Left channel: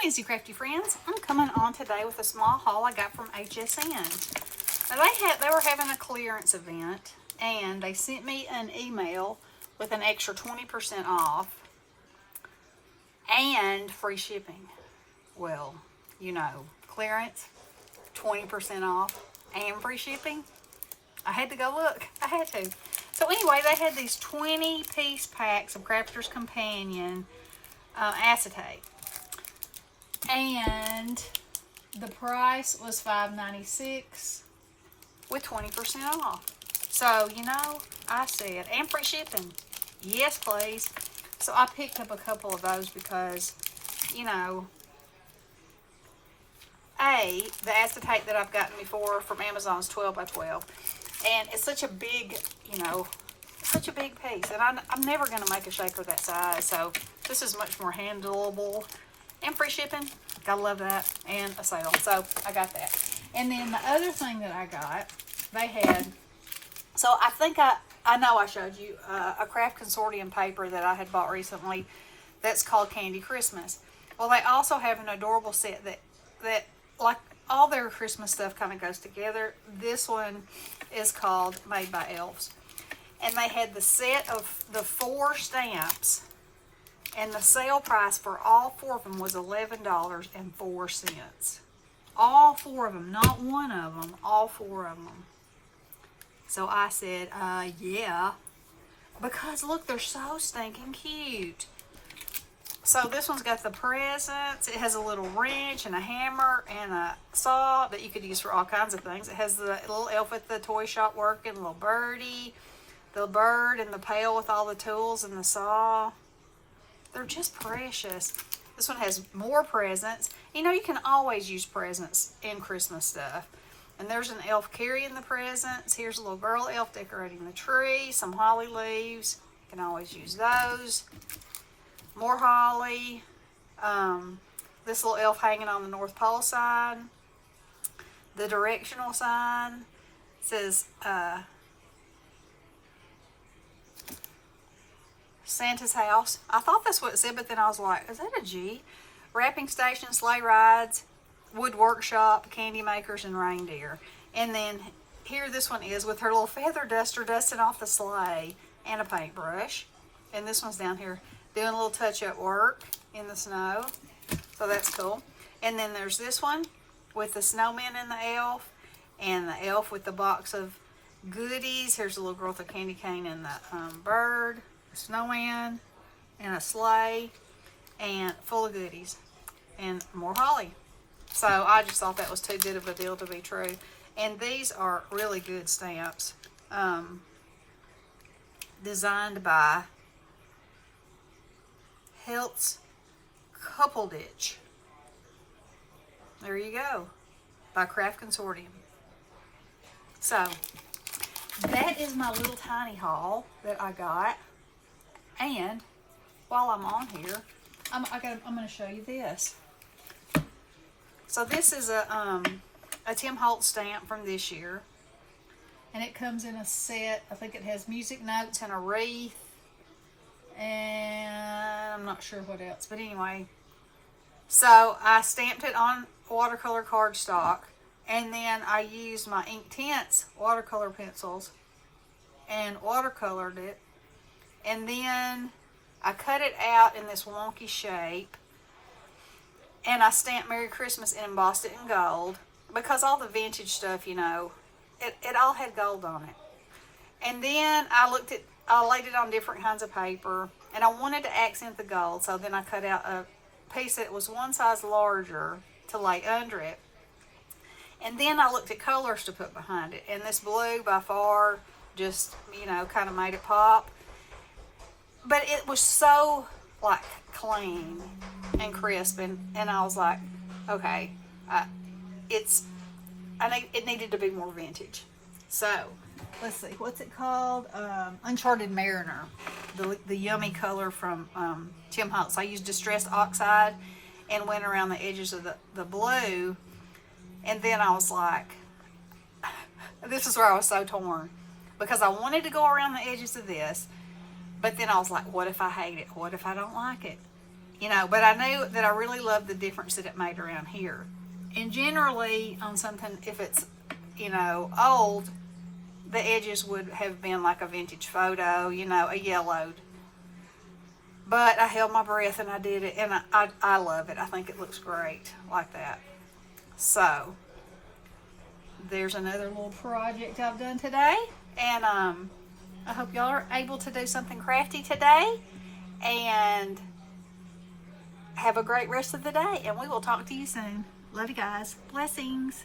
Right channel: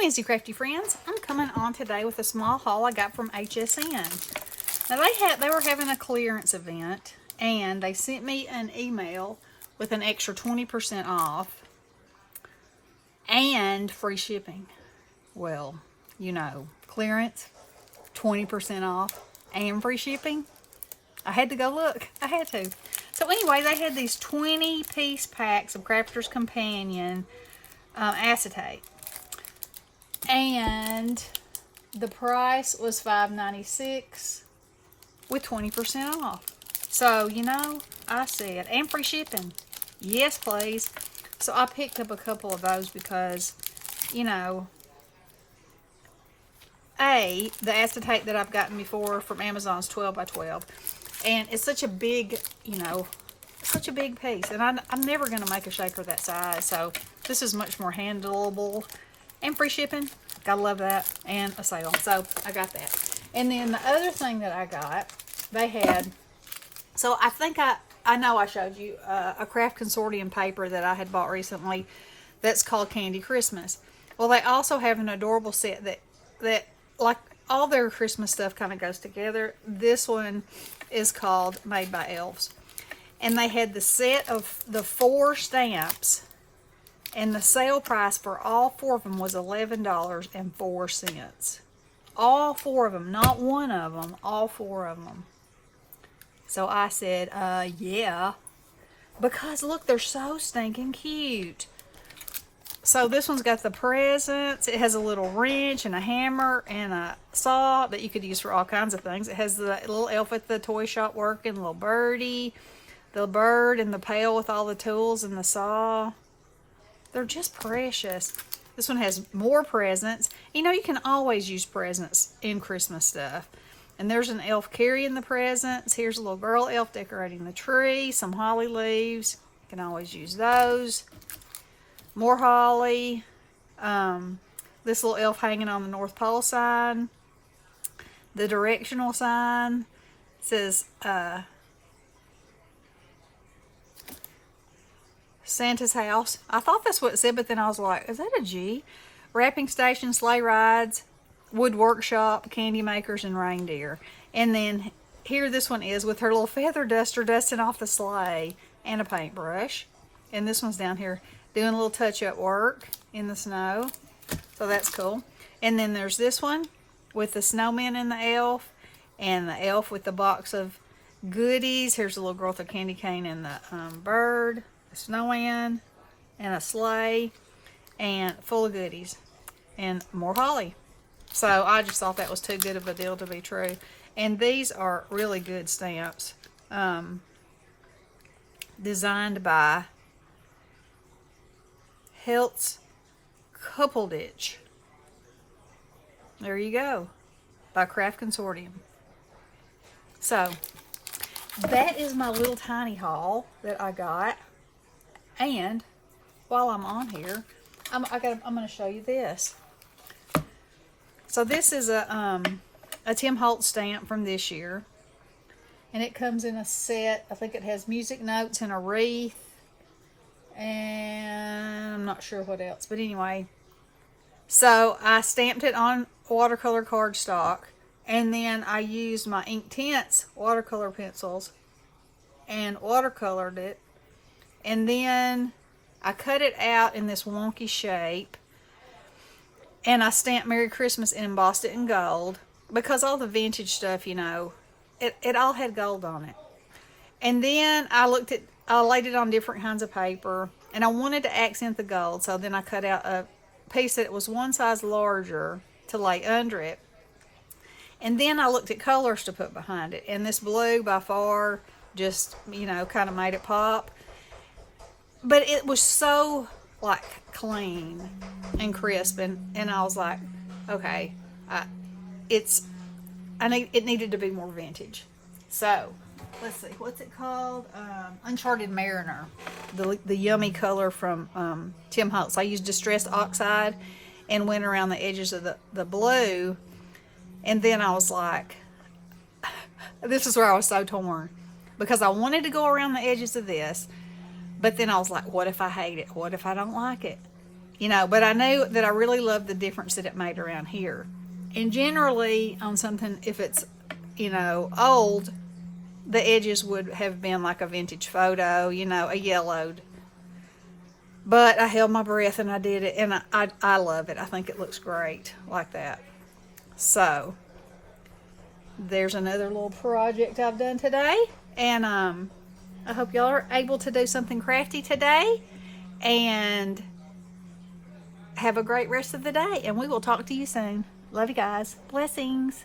Wednesday, crafty friends. I'm coming on today with a small haul I got from HSN. Now they were having a clearance event, and they sent me an email with an extra 20% off and free shipping. Well, you know, clearance, 20% off, and free shipping. I had to go look. I had to. So anyway, they had these 20-piece packs of Crafter's Companion acetate. And the price was $5.96 with 20% off. So, you know, I said, and free shipping. Yes, please. So I picked up a couple of those because, you know, the acetate that I've gotten before from Amazon is 12 by 12. And it's such a big, you know, such a big piece. And I'm never going to make a shaker that size. So this is much more handleable. And free shipping. Gotta love that. And a sale. So I got that. And then the other thing that I got, they had, so I think I know I showed you a craft consortium paper that I had bought recently that's called Candy Christmas. Well, they also have an adorable set that like all their Christmas stuff kind of goes together. This one is called Made by Elves. And they had the set of the 4 stamps, and the sale price for all 4 of them was $11.04. All 4 of them, not one of them, all 4 of them. So I said, yeah. Because look, they're so stinking cute. So this one's got the presents. It has a little wrench and a hammer and a saw that you could use for all kinds of things. It has the little elf at the toy shop working, little birdie, the bird and the pail with all the tools and the saw. They're just precious. This one has more presents. You know, you can always use presents in Christmas stuff. And there's an elf carrying the presents. Here's a little girl elf decorating the tree. Some holly leaves. You can always use those. More holly. This little elf hanging on the North Pole sign. The directional sign says Santa's house. I thought that's what it said, but then I was like, is that a G? Wrapping station, sleigh rides, wood workshop, candy makers, and reindeer. And then here this one is with her little feather duster dusting off the sleigh and a paintbrush. And this one's down here doing a little touch-up work in the snow. So that's cool. And then there's this one with the snowman and the elf, and the elf with the box of goodies. Here's a little girl with a candy cane and the bird, a snowman, and a sleigh, and full of goodies, and more holly. So I just thought that was too good of a deal to be true. And these are really good stamps, designed by Heltz Couple-Ditch. There you go, by Craft Consortium. So that is my little tiny haul that I got. And while I'm on here, I'm going to show you this. So this is a Tim Holtz stamp from this year, and it comes in a set. I think it has music notes and a wreath, and I'm not sure what else. But anyway, so I stamped it on watercolor cardstock, and then I used my Inktense watercolor pencils and watercolored it, and then I cut it out in this wonky shape, and I stamped Merry Christmas and embossed it in gold, because all the vintage stuff, you know, it all had gold on it. And then I laid it on different kinds of paper, and I wanted to accent the gold, so then I cut out a piece that was one size larger to lay under it. And then I looked at colors to put behind it, and this blue by far just, you know, kind of made it pop. But it was so, like, clean and crisp, and I was like, okay, it needed to be more vintage. So let's see, what's it called? Uncharted Mariner, the yummy color from Tim Holtz. I used distressed oxide and went around the edges of the blue, and then I was like, this is where I was so torn, because I wanted to go around the edges of this, but then I was like, what if I hate it? What if I don't like it? you know, but I knew that I really loved the difference that it made around here. And generally on something, if it's, you know, old, the edges would have been like a vintage photo, you know, a yellowed. But I held my breath and I did it, and I love it. I think it looks great like that. So there's another little project I've done today, and I hope y'all are able to do something crafty today, and have a great rest of the day, and we will talk to you soon. Love you guys. Blessings.